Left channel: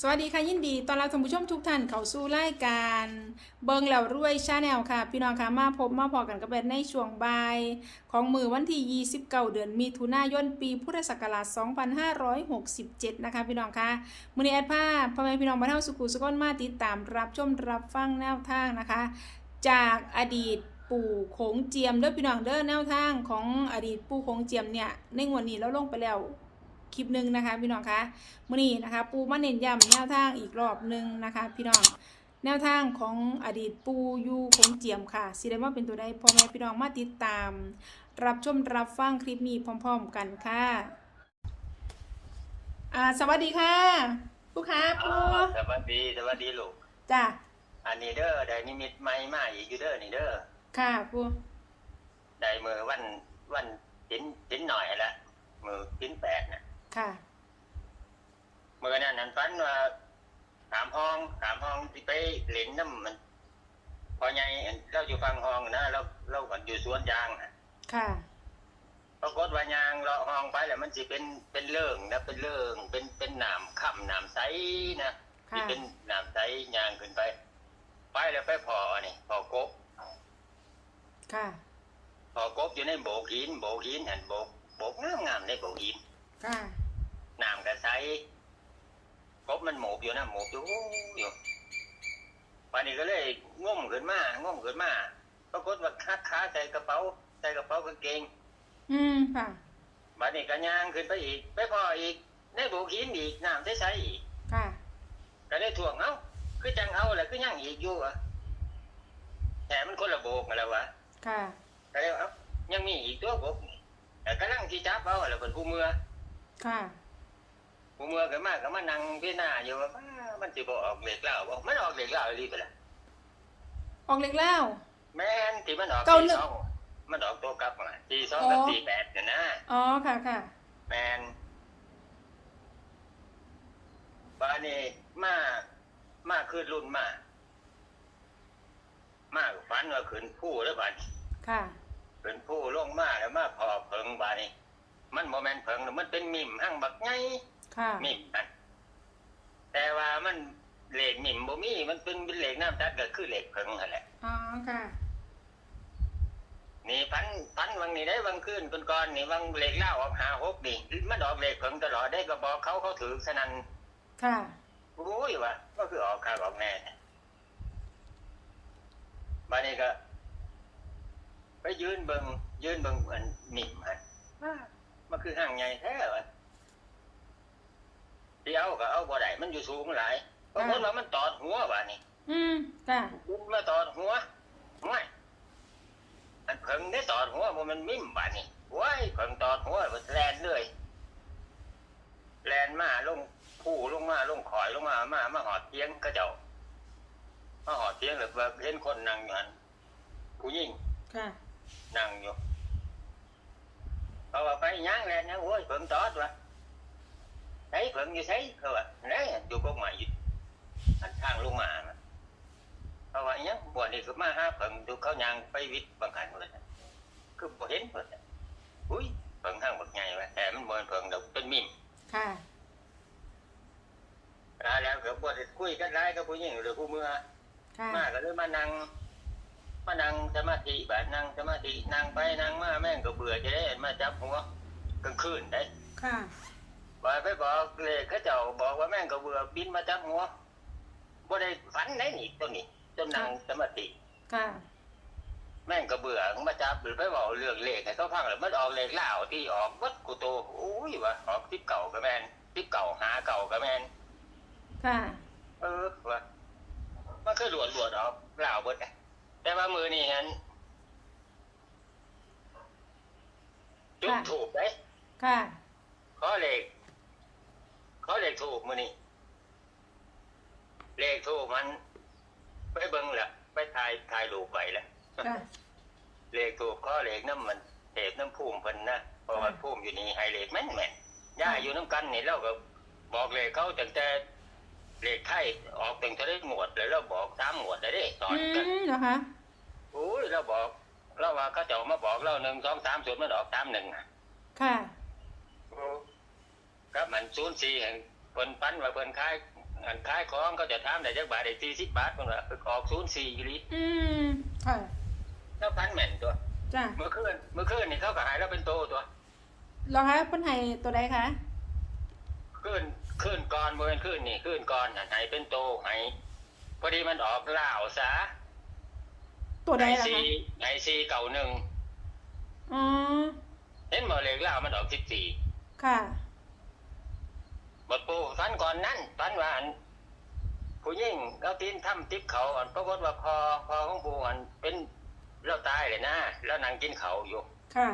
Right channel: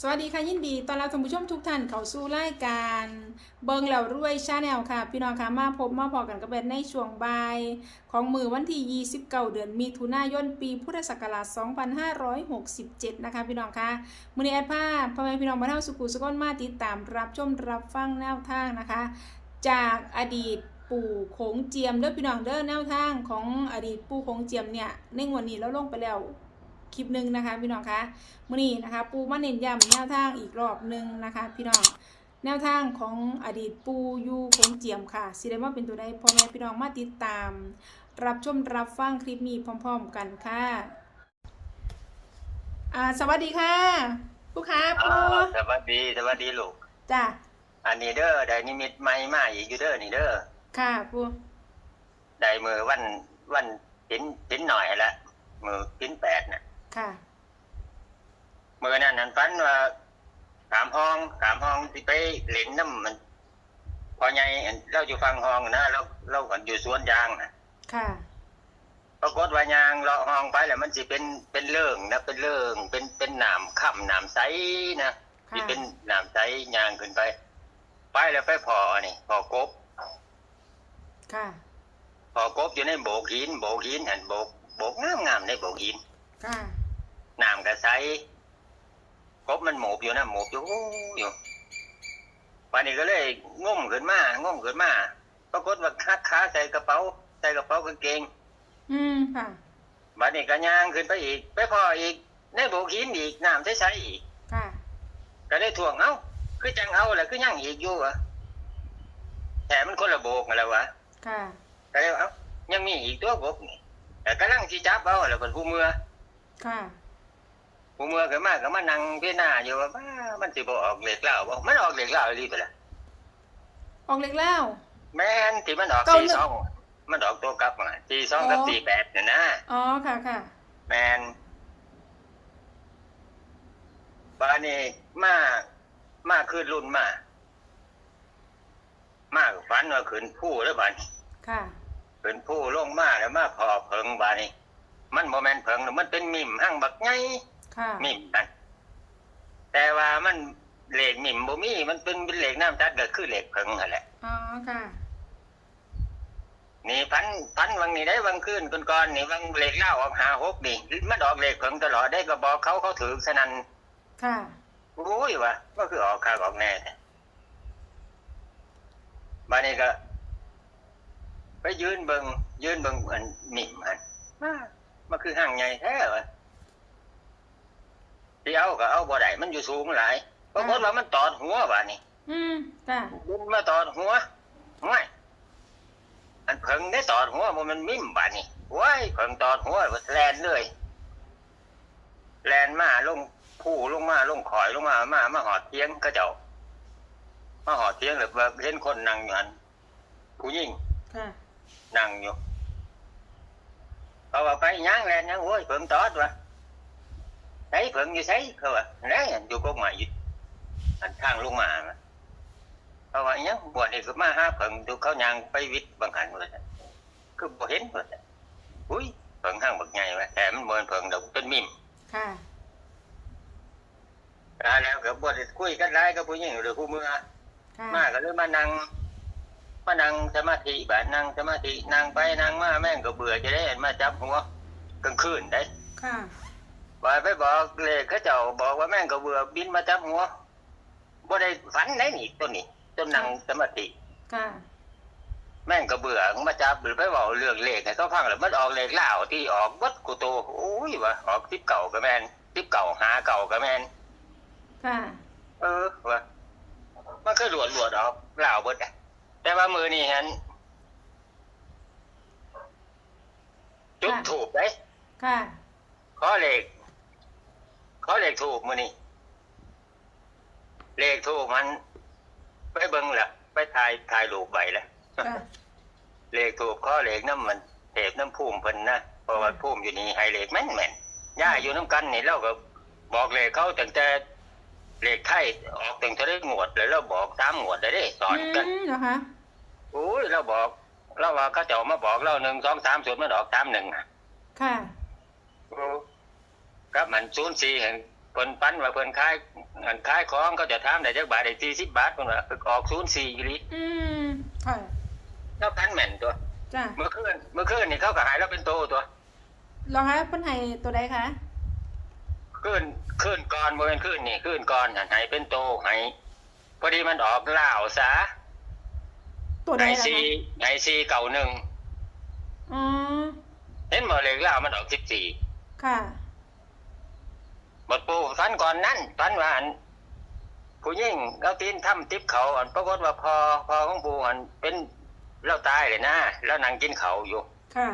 สวัสดีค่ะยินดีตอนรับท่านผู้ชมทุกท่านเข้าสู่รายการเบิงแล้วรวยชาแนลค่ะ พี่น้องค่ะมาพบมาพอกันกับเป็นในช่วงบ่ายของมือวันที่ 29 เดือนมิถุนายนปีพุทธศักราช 2567 นะคะ พี่น้องค่ะมือนี้แอดภาพพ่อแม่พี่น้องบ้านเฮาสุขุสุขนมาติดตามรับชมรับฟังแนวทางนะคะ จากอดีตปู่โขงเจียมเด้อพี่น้องเด้อแนวทางของอดีตปู่โขงเจียมเนี่ยในวันนี้เราลงไปแล้ว คลิปหนึ่งนะคะ พี่น้องคะมื่อนี้นะคะ ปูมาเน้นย้ำแนวทางอีกรอบหนึ่งนะคะ พี่น้องแนวทางของอดีตปูยูคงเจียมค่ะสิได้ว่าเป็นตัวใดพ่อแม่พี่น้องมาติดตาม รับชมรับฟังคลิปนี้พร้อม ๆ กันค่ะอ่าสวัสดีค่ะผู้ค้าปูอ่าสวัสดีสวัสดีลูกจ้ะอันนี้เด้อได้นิมิตใหม่มาอีกอยู่เด้อนี่เด้อค่ะปูได้มือวันวันหินหินหน่อยละมือหินแปดน่ะ ค่ะมือนั้นนั้นฝันว่าถามห้องถามห้องที่ไปเล่นน้ำมัน พอไงเราอยู่ฟังห้องนะเราเราก่อนอยู่สวนยางนะค่ะปรากฏว่ายางเราห้องไปแล้วมันสิเป็นเป็นเรื่องนะเป็นเรื่องเป็นเป็นหนามค่ำหนามใสนะที่ค่ะเป็นหนามใสยางขึ้นไป ไปแล้วไปพอนี่พอกบ ค่ะพอกบอยู่ในโบกหินโบกหินเห็นโบกโบกงามงามๆในโบกหิน ค่ะ น้ำกระใสกบมันหมบอยู่นะหมบอยู่อยู่วันนี้ก็เลยงมขึ้นมางมขึ้นมาปรากฏว่าคัดขาใส่กระเป๋า ใส่กระเป๋ากางเกง อืมค่ะวันนี้ก็ย่างขึ้นไปอีก ไปพออีกในโบกหินอีกน้ำใสๆอีกค่ะก็เลยถ่วงเอ้าคือจังเอาแหละคือยังอีกอยู่อะแต่มันคนละโบกมาแล้ววะค่ะก็เลยเอ้ายังมีอีกตัวกบนี่แต่กำลังจีจับเอาแล้วเป็นผู้เมือค่ะ ผู้เมือก็มาก็มานั่งพิจารณาอยู่ว่าบ้ามันสิบ่ออกเหล็กเหล้าบ่มันออกเหล็กเหล้าอีหลีไปละออกเล็กแล้ว แม่นที่มันออกเก้าสี่หนึ่ง สองมันออกตัวกลับมาสี่สองกับอ๋อสี่แปดเนี่ยนะอ๋อค่ะค่ะแม่นบ้านนี้มามาคืนรุ่นมา มาฝันว่าขืนผู้แล้วบ้าน ค่ะขืนผู้ลงมาแล้วมาพอเพิงบ้านนี้มันโมแมนเพิงหรอกมันเป็นมิมหั่งบักไง ค่ะมิมนั่นแต่ว่ามันเหล็กมิมบ่มีมันเป็นเหล็กน้ำจัดก็คือเหล็กเพิงนั่นแหละอ๋อค่ะนี่พันพันวังนี่ได้วังคืนก่อนๆนี่วังเหล็กเล่าออกหาหกนี่มันออกเหล็กเพิงตลอดได้ก็บอกเขาเขาถือสนันค่ะรู้อยู่ว่าก็คือออกข่าวออกแน่บ้านนี้ก็ไปยืนเบิงยืนเบิงอันมิมอันมามันคือห่างไงแท้วะ ที่เอาก็เอาบ่ได้มันอยู่สูงหลายเพราะว่ามันตอดหัวบ้านนี้อืมค่ะบุญมาตอดหัวไม่อันเพิ่งได้ตอดหัวมันมันมิ่มบ้านนี้ว้ายเพิ่งตอดหัวมันแลนเลยแลนมาลงผู้ลงมาลงข่อยลงมามามาหอดเตียงก็เจ้ามาหอดเตียงหรือว่าเห็นคนนั่งอยู่อันผู้หญิงค่ะนั่งอยู่เขาว่าไปย่างแลนย่างโอ้ยเพิ่งตอดวะใช้เพิ่งอยู่ใช้เขาว่าไหนอยู่กกหมายอยู่อันทางลงมาน่ะเพราะว่าอยังบวชนี่ก็มาหาเพิ่งดูเขายังไปวิทย์บางหันเลยคือบ่เห็นเลยอุ้ยเพิ่งห้างบักใหญ่ไว้แต่มันเหมือนเพิ่งดอกเป็นมิมค่ะอ่าแล้วก็บ่ได้คุยกันหลายกับผู้หญิงหรือผู้เมื่อค่ะมาก็เลยมานั่งมานั่งสมาธิบาดนั่งสมาธินั่งไปนั่งมาแม่งก็เบื่อจะได้มาจับหัวกลางคืนได้ ค่ะ ว่าไปบอกเลยเขาเจ้าบอกว่าแม่งก็เบื่อบินมาจับหัวบ่ได้ฝันได้นี่ตัวนี้ต้นนั่งสมาธิค่ะแม่งก็เบื่อมาจับหรือไปบอกเรื่องเลขให้เขาฟังแล้วมันออกเลขเล่าวที่ออกวัดกูโตโอ้ยวะออกทิปเก่าก็แม่นทิปเก่าหาเก่าก็แม่นค่ะเออวะมันก็หลวดหลวดออกเล่าวเบิดอะแต่ว่ามือนี่ฮันจุดค่ะถูกได้ค่ะขอเลข ขอเลขถูกมือนี่เลขถูกมัน ไปเบิ้งละไปถ่ายถ่ายรูปไว้ละค่ะเลขถูกข้อเลขน้ำมันเทพน้ำพุ่มเพิ่นนะเพราะว่าพุ่มอยู่นี่ให้เลขแม่นแม่นย่าอยู่น้ำกันนี่เราก็บอกเลขเขาตั้งแต่เลขไทยออกตั้งแต่ได้หมวดเลยเราบอกสามหมวดเลยเด้สออืนกันมเหรอคะโอ้ยเราบอกเราว่าเขาเจะมาบอกเราหนึ่งสองสามศูนย์มันออกสามหนึ่งอะค่ะโอ้ ครับมันศูนย์สี่เห็นเพิ่นปั้นว่าเพิ่นขายอันขายของก็จะถามได้จักบาทได้40บาทเพิ่นว่าออก04อีหลีอืมค่ะแล้วพันแม่นตัวจ้ะเมื่อคืนเมื่อคืนนี่เขาก็หายแล้วเป็นโตตัวรองคะเพิ่นให้ตัวใดคะคืนคืนก่อนบ่เป็นคืนนี่คืนก่อนหันหายเป็นโตหายพอดีมันออกลาวซะตัวใดหายล่ะซีคะหายซีเก่าหนึ่งอ๋อเห็นบ่เลขลาวมันออก14ค่ะ บทปูฟันก่อนนั้นฟันว่าอันผู้ยิ่งเขาตีนถ้ำติบเขาอันปรากฏว่าพอพอของปูอันเป็นเล่าตายเลยนะแล้วนั่งกินเขาอยู่ ค่ะ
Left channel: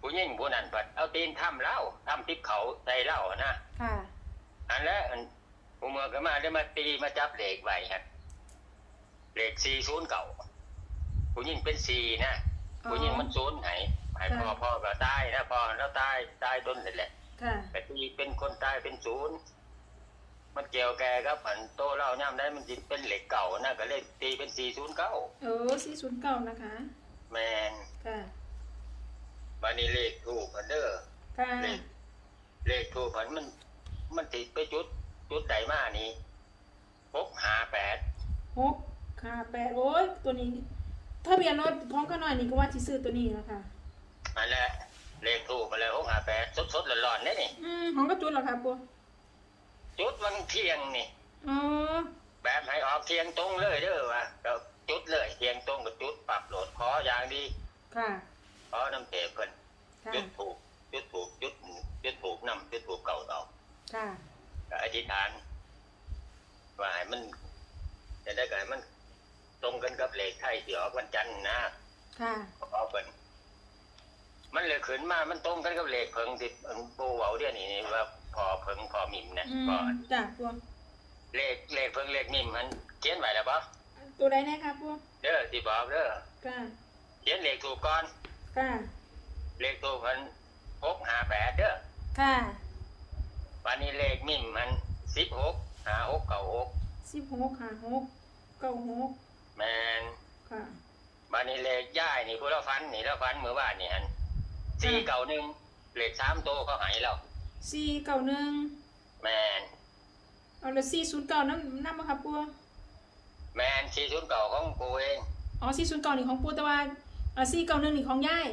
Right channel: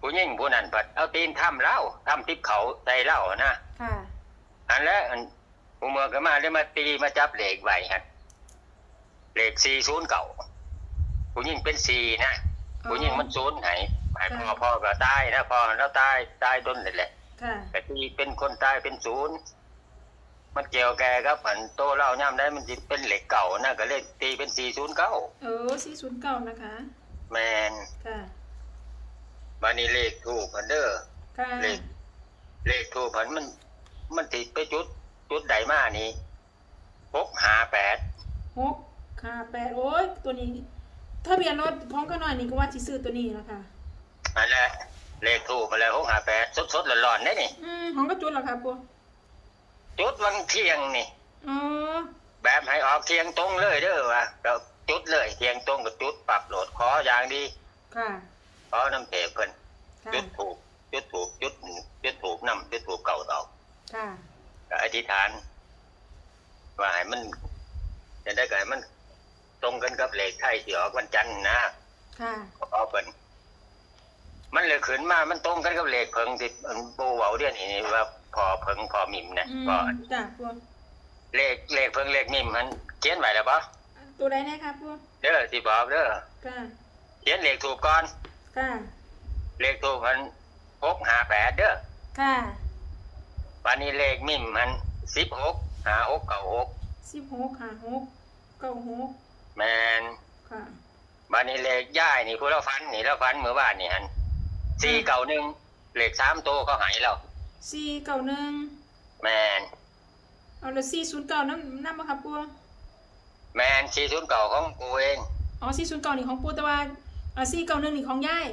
ผู้ยิ่งผู้นั้นปัดเอาตีนถ้ำเล่าถ้ำติบเขาใส่เล่านะค่ะอันแล้วอันผู้เมืองก็มาได้มาตีมาจับเหล็กไว้ฮะเหล็กสี่ศูนย์เก่าผู้ยิ่งเป็นสี่นะอ๋อผู้ยิ่งมันศูนย์ไหนหมายความว่าพ่อก็ตายนะพ่อแล้วตายตายต้นเลยแหละ ค่ะ แต่ที่เป็นคนตายเป็นศูนย์มันเกี่ยวแกครับอันโตเล่าย่ำได้มันจิเป็นเหล็กเก่านะก็เลยตีเป็นสี่ศูนย์เก้าเออสี่ศูนย์เก้านะคะ แมนค่ะมานี่เลขถูกอันเด้อค่ะเลขเลขถูกผันมัน มันติดไปจุด จุดใดมานี่หกหาแปดหกค่ะแปดโอ้ยตัวนี้ทะเบียนรถพร้อมกันหน่อยนี่ก็ว่าสิซื้อตัวนี้แล้วค่ะอันแหละ เลขถูกมาแล้วหกหาแปดสดสดๆร้อนๆได้นี่อืมของกระจุนเหรอคะปูจุดวันเที่ยงนี่ อ๋อ แบบให้ออกเที่ยงตรงเลยเด้อวะเราจุดเลยเที่ยงตรงกับจุดปรับโหลดขออย่างดีค่ะ ขอน้ำเตะเพิ่นค่ะ จุดถูกจุดถูกจุดจุดถูกนำจุดถูกเก่าดอกค่ะ ก็อธิษฐานว่าให้มันจะได้ก็ให้มัน ตรงกันกับเลขไทยที่ออกวันจันทร์นะค่ะ ขอเพิ่น มันเลยขึ้นมา มันตรงกันกับเลขเพิงที่อันปูเว้าเดี๋ยวนี้ว่าพอเพิงพอมิมนะอืมพอจ้ะปูเลขเลขเพิงเลขมิมมันเขียนไว้แล้วปะตัวใดนะคะปูเด้อที่บอกเด้อค่ะเขียนเลขถูกก่อน ค่ะเลขถูกมันหกหาแปดเด้อค่ะวันนี้เลขมิมมันสิบหกหาหกเก้าหกสิบหกค่ะหกเก้าหกแมนค่ะวันนี้เลขย่ายนี่ผู้เราฟันนี่เราฟันเมื่อวานนี่ฮัน สี่เก้าหนึ่งเลขสามตัวเขาใหายแล้วสี่เก้าหนึ่งแมนเอาละสี่ศูนย์เก้าน้ำน้ำมาครับปูแมนสี่ศูนย์เก่าของปูเองอ๋อสี่ศูนย์เก้านี่ของปูแต่ว่าอ่าสี่เก้าหนึ่งนี่ของย่าย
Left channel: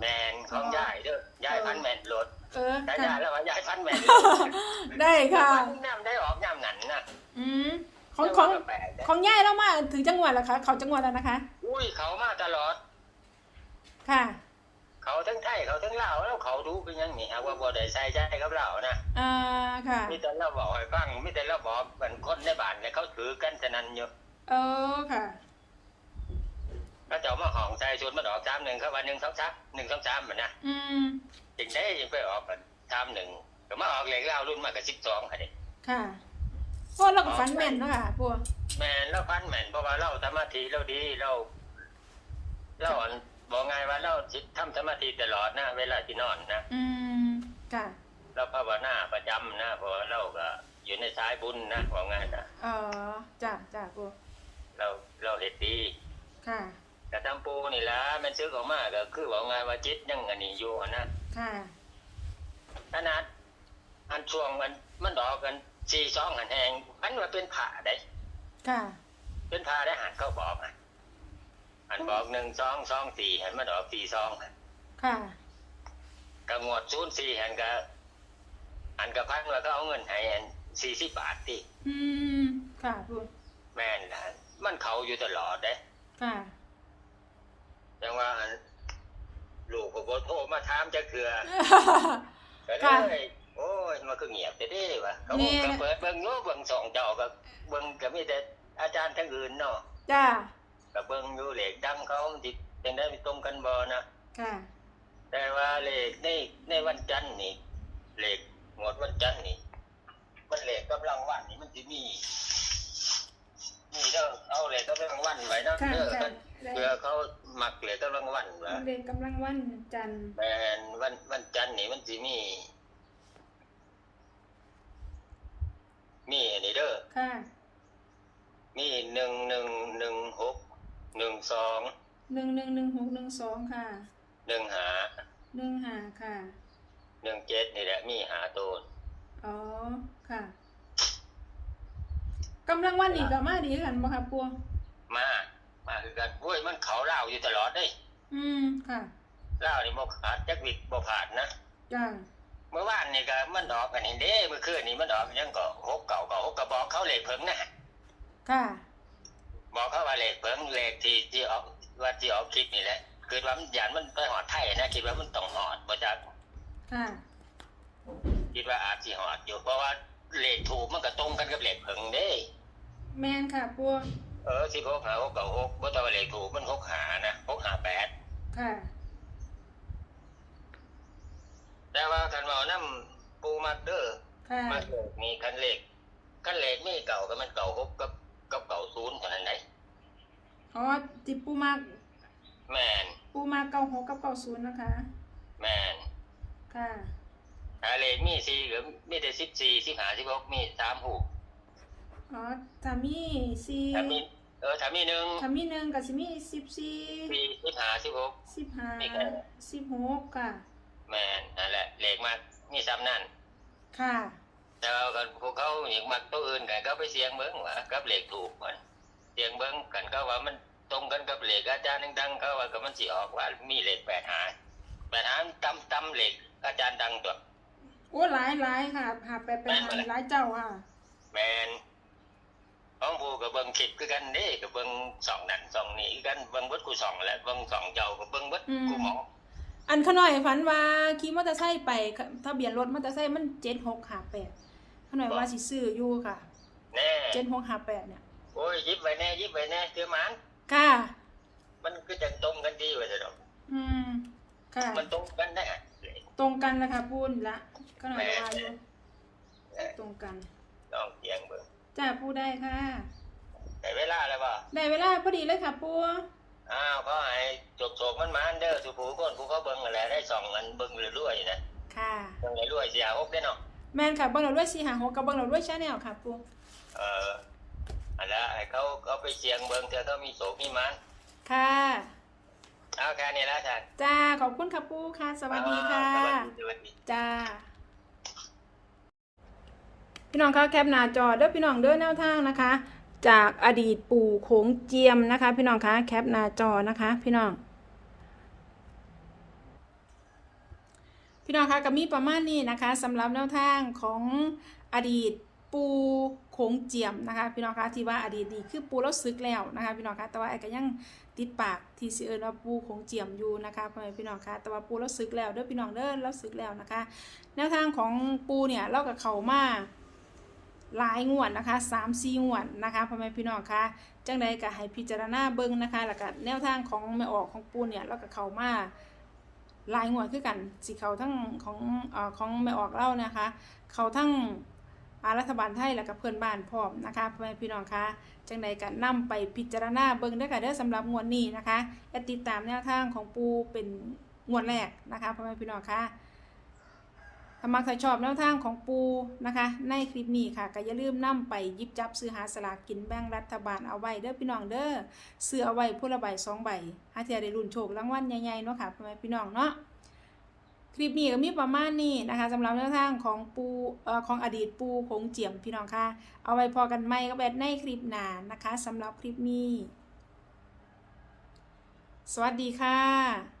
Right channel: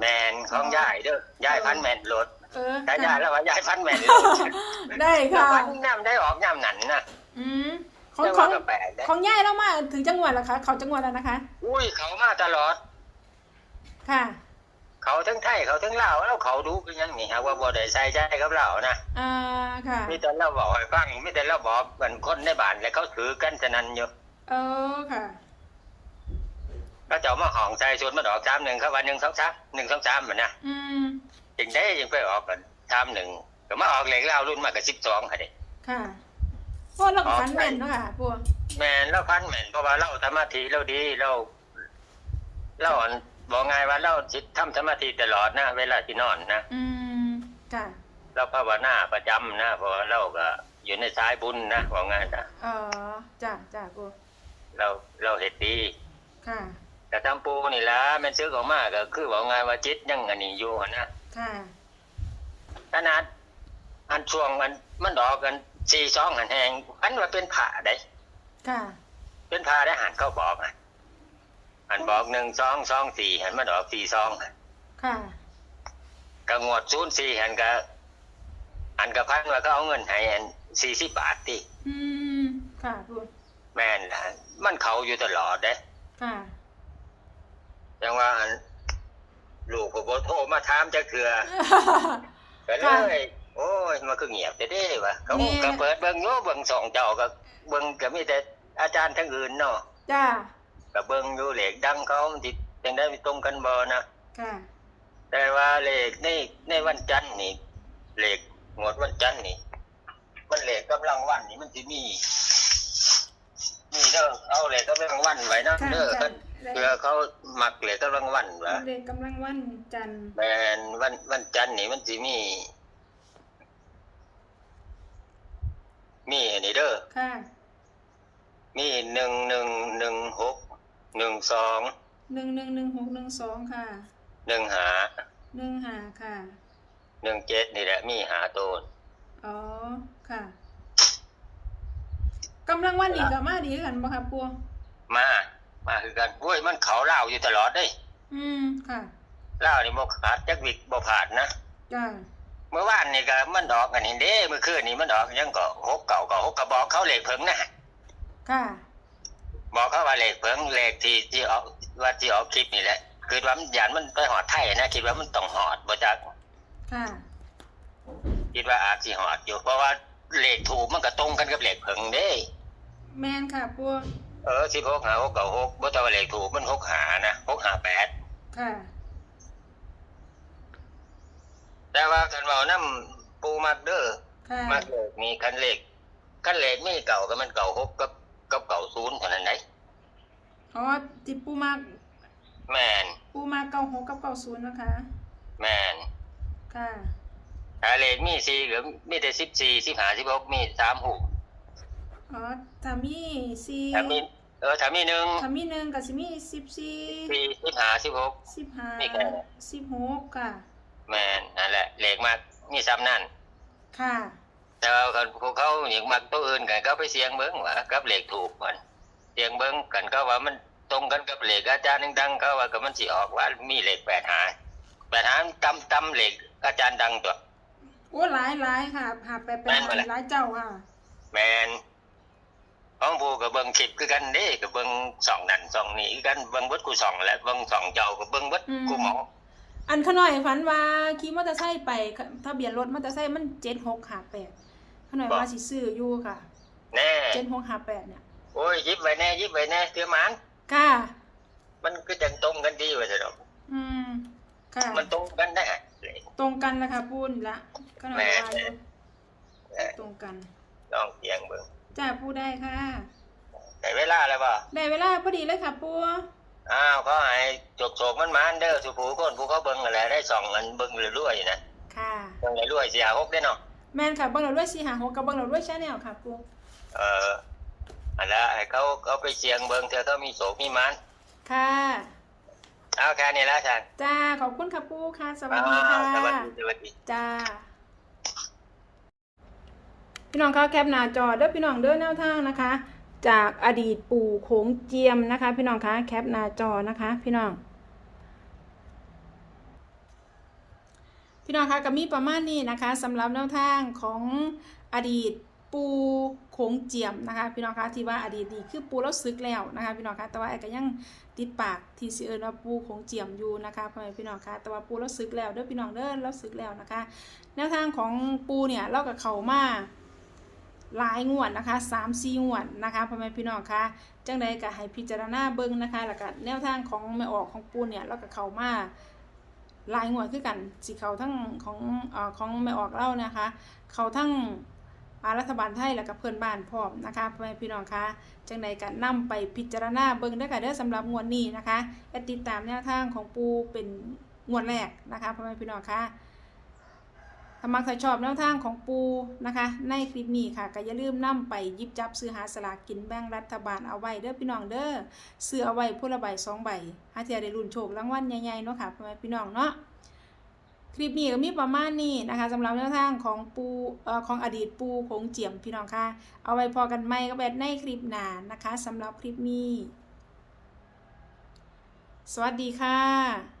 แมนของย่ายเด้อย่ายพันแมนโหลดเออได้ค่ะย่ายแล้วว่าย่ายพันแมนได้ค่ะพันน้ำได้ออกย่ำหนันนะอืมของของแต่ว่าก็แปลกนะของย่ายแล้วมาถึงจังหวัดแล้วคะ เขาจังหวัดแล้วนะคะ อุ้ยเขามาตลอด ค่ะ เขาทั้งไทยเขาทั้งลาวแล้วเขาดูกันยังนี่ฮะว่าบ่ได้ใส่ใจกับเรานะอ่าค่ะมีแต่เราบอกให้ฟังมีแต่เราบอกกันคนในบ้านแล้วเขาถือกันฉะนั้นอยู่เออค่ะก็จะเอามาห้องใส่ชุดมาดอกสามหนึ่งเขาว่าหนึ่งสองสามหนึ่งสองสามเหมือนนะอืมจริงได้ยังไปออกกันสามหนึ่งก็มาออกเหล็กแล้วรุ่นมากกับสิบสองค่ะเด็ค่ะโอ้เราก็ฟันแม่นเนาะค่ะปูแม่นเราพันแม่นเพราะว่าเราสมาธิเราดีเราเราอัน บอกไงว่าเราจิตทำสมาธิตลอดนะ เวลาที่นอนนะอืมค่ะเราภาวนาประจำนะเพราะว่าเราก็อยู่ในสายบุญนะบอกไงนะเออจ้ะจ้ะปูเราเราเห็ดดี ค่ะ แต่ทำปูนี่ละแม่นซื้อของมากก็คือบอกไงว่าจิตยังอันนี้อยู่นะค่ะ ขนาดอันช่วงมันมันดอกกันสี่สองหันแหงอันว่าเป็นผ่าได้ค่ะ เป็นผ่าได้หันเขาบอกอะ อันบอกหนึ่งสองสองสี่หันมันดอกสี่สองค่ะก็งวดศูนย์สี่หันก็อันกับพันว่าก็เอาเงินให้อันสี่สิบบาทที่อืมค่ะปูแม่นนะมันเขาอยู่ตลอดเด้ค่ะยังว่าอันลูกก็บ่โทรมาถามจะเกลือก็ค่ะเลยโอ้ยมันคือเงียบแต่เด้วะเขาแม่ก็เปิดเบิ่งโยเบิ่งสองเจ้าก็เบิ่งก็มีแต่อาจารย์ทั้งอื่นเนาะจ้า ก็เบิ่งอยู่เลขดังเขามันสิจังได้มีตรงกันบ่นะค่ะ แต่ว่าเลขในในวันจันทร์นี่เลขงวดวันจันทร์นี่มันเลขกำลังวันนี่มันสิมีนี่เด้อเอาเลขกำลังวันไว้นะค่ะเด้อค่ะเพื่อเขามักเลขกำลังวันวะเด็กกำลังวันจันทร์แมนวันวันจันทร์นี่มันสิมี มีอันนี้เด้อ ค่ะ มีหนึ่งหนึ่งหนึ่งหก หนึ่งสองหนึ่งหนึ่งหนึ่งหกหนึ่งสองค่ะ หนึ่งหาหนึ่งหาค่ะ หนึ่งเจ็ดนี่แหละมีหาตัวอ๋อค่ะกำลังวันนี้ก็มาดีคือกันบ่ค่ะปูมา มาคือกันโอ้ยมันเขาเล่าอยู่ตลอดเด้ยอืมค่ะเล่านี่บ่ขาดจักวิกบ่ผ่านนะจ้าเมื่อวานนี่ก็มันออกกันนี่เด้เมื่อคืนนี่มันออกยังก็หกเก่าก็หกกระบอกเขาเลขเพิ่งนะค่ะ บอกเขาว่าเลขเพิ่งเลขที่ที่ออกว่าที่ออกคลิปนี่แหละ คือว่ามันยานมันไปหอดไทยนะคิดว่ามันต้องหอดบ่จักค่ะ คิดว่าอาจสิหอดอยู่ เพราะว่าเลขถูกมันก็ตรงกันกับเลขเพิ่งเด้ แม่นค่ะปูเออสิบหกหาหกเก่าหกบ่ต้องว่าเลขถูกมันหกหานะหกหาแปดค่ะ แต่ว่าคันเว้านำปูมักเด้อค่ะ มักเลขมีคันเลขคันเลขมีเก่าก็มันเก่าหกกับ กับเก่าศูนย์เท่านั้นไหนอ๋อติปูมาแม่นปูมาเก้าหกกับเก้าศูนย์นะคะ แม่นค่ะถ้าเลขมีสี่หรือมีแต่สิบสี่สิบห้าสิบหกมีสามหูอ๋อถ้ามีสี่ถ้ามีเออถ้ามีหนึ่งถ้ามีหนึ่งก็สิมีสิบสี่สี่สิบห้าสิบหกสิบห้ามีแค่นั้นสิบหกค่ะ แม่นนั่นแหละเลขมากมีซ้ำนั่นค่ะ แต่ว่าคนพวกเขาอย่างมักตัวอื่นกันก็ไปเสียงเบิ้งว่ากับเลขถูกมันเสียงเบิ้งกันก็ว่ามันตรงกันกับเลขอาจารย์ดังๆเขาว่าก็มันสิออกว่ามีเลขแปดหาแปดหาตำตำเลขอาจารย์ดังตัวโอ้หลายหลายค่ะหาไปเป็นแม่นบ่ล่ะหลายเจ้าค่ะแมนของผู้กับเบิ้งคลิปคือกันเด้กับเบิ้งสองนั่นสองนี่คือกันเบิ้งเบิดกูสองแหละเบิ้งสองเจ้ากับเบิ้งเบิดกูหมออันขน่อยฝันว่าขี่มอเตอร์ไซค์ไปทะเบียนรถมอเตอร์ไซค์มันเจ็ดหกหาแปด ขน่อยว่าสิซื้ออยู่ค่ะแน่เจ็ดหกหาแปดเนี่ยโอ้ยยิบไว้แน่ยิบไว้แน่เตือมันค่ะมันก็จังตรงกันดีไว้แต่ดอกอืมค่ะ มันตรงกันแน่ตรงกันแล้วค่ะปูนละขน่อยว่าอยู่แม่ตรงกันลองเสียงเบิ้งจ้าปูได้ค่ะแต่เวลาแล้วป่ะได้เวลาพอดีเลยค่ะปูอ้าวเขาให้จบโศกมันมานเด้อสุภูคนผู้เขาเบิ้งอะไรได้สองเงินเบิ้งเรื่อยๆนะค่ะเบิ้งเรื่อยๆเสียหกได้เนาะ แม่นค่ะเบังเราด้วยสีหาหกกับเบังเราด้วยชาแนลค่ะปูเอออันละให้เขาเขาไปเสียงเบิ้งเธอเขามีโศกมีมันค่ะเอาแค่นี้แล้วฉันจ้าขอบคุณค่ะปูค่ะ สวัสดีค่ะสวัสดีสวัสดีจ้าพี่น้องคะแคปหน้าจอเด้อพี่น้องเด้อแนวทางนะคะ จากอดีตปู่โขงเจียมนะคะ พี่น้องคะแคปหน้าจอนะคะ พี่น้อง พี่น้องคะก็มีประมาณนี้นะคะสำหรับแนวทางของอดีตปูโขงเจียมนะคะ พี่น้องคะที่ว่าอดีตนี่คือปูแล้วซึกแล้วนะคะ พี่น้องคะแต่ว่าไอ้ก็ยังติดปากที่สิเอิญว่าปูโขงเจียมอยู่นะคะพ่อแม่พี่น้องคะแต่ว่าปูแล้วซึกแล้วเด้อพี่น้องเด้อแล้วซึกแล้วนะคะ แนวทางของปูเนี่ยเรากับเขามาหลายงวดนะคะสามสี่งวดนะคะพ่อแม่พี่น้องคะจังใดก็ให้พิจารณาเบิ่งนะคะแล้วก็แนวทางของแม่ออกของปูเนี่ยเรากับเขามา ลายงวดคือกันสิเขาทั้งของอของแม่ออกเล่านะคะ เขาทั้งรัฐบาลไทยและกับเพื่อนบ้านพร้อมนะคะพ่อแม่พี่น้องคะจังใดกันำไปพิจารณาเบิ่งได้อค่ะเด้อสำหรับงวดนี้นะคะติดตามแนวทางของปูเป็นงวดแรกนะคะพ่อแม่พี่น้องคะถ้ามักถ้าชอบแนวทางของปูนะคะ ในคลิปนี้ค่ะก็อย่าลืมนำไปยิบจับซื้อหาสลากกินแบ่งรัฐบาลเอาไว้เด้อพี่น้องเด้อซื้อเอาไว้ผู้ละใบสองใบหาเทียได้รุ่นโชครางวัลใหญ่ๆเนาะค่ะพ่อแม่พี่น้องเนาะคลิปนี้ก็มีประมาณนี้นะคะสำหรับแนวทางของปูเอ่อของอดีตปูคงเจียมพี่น้องค่ะ เอาไว้พอกันไหมก็แบบในคลิปหน้านะคะสำหรับคลิปนี้ สวัสดีค่ะ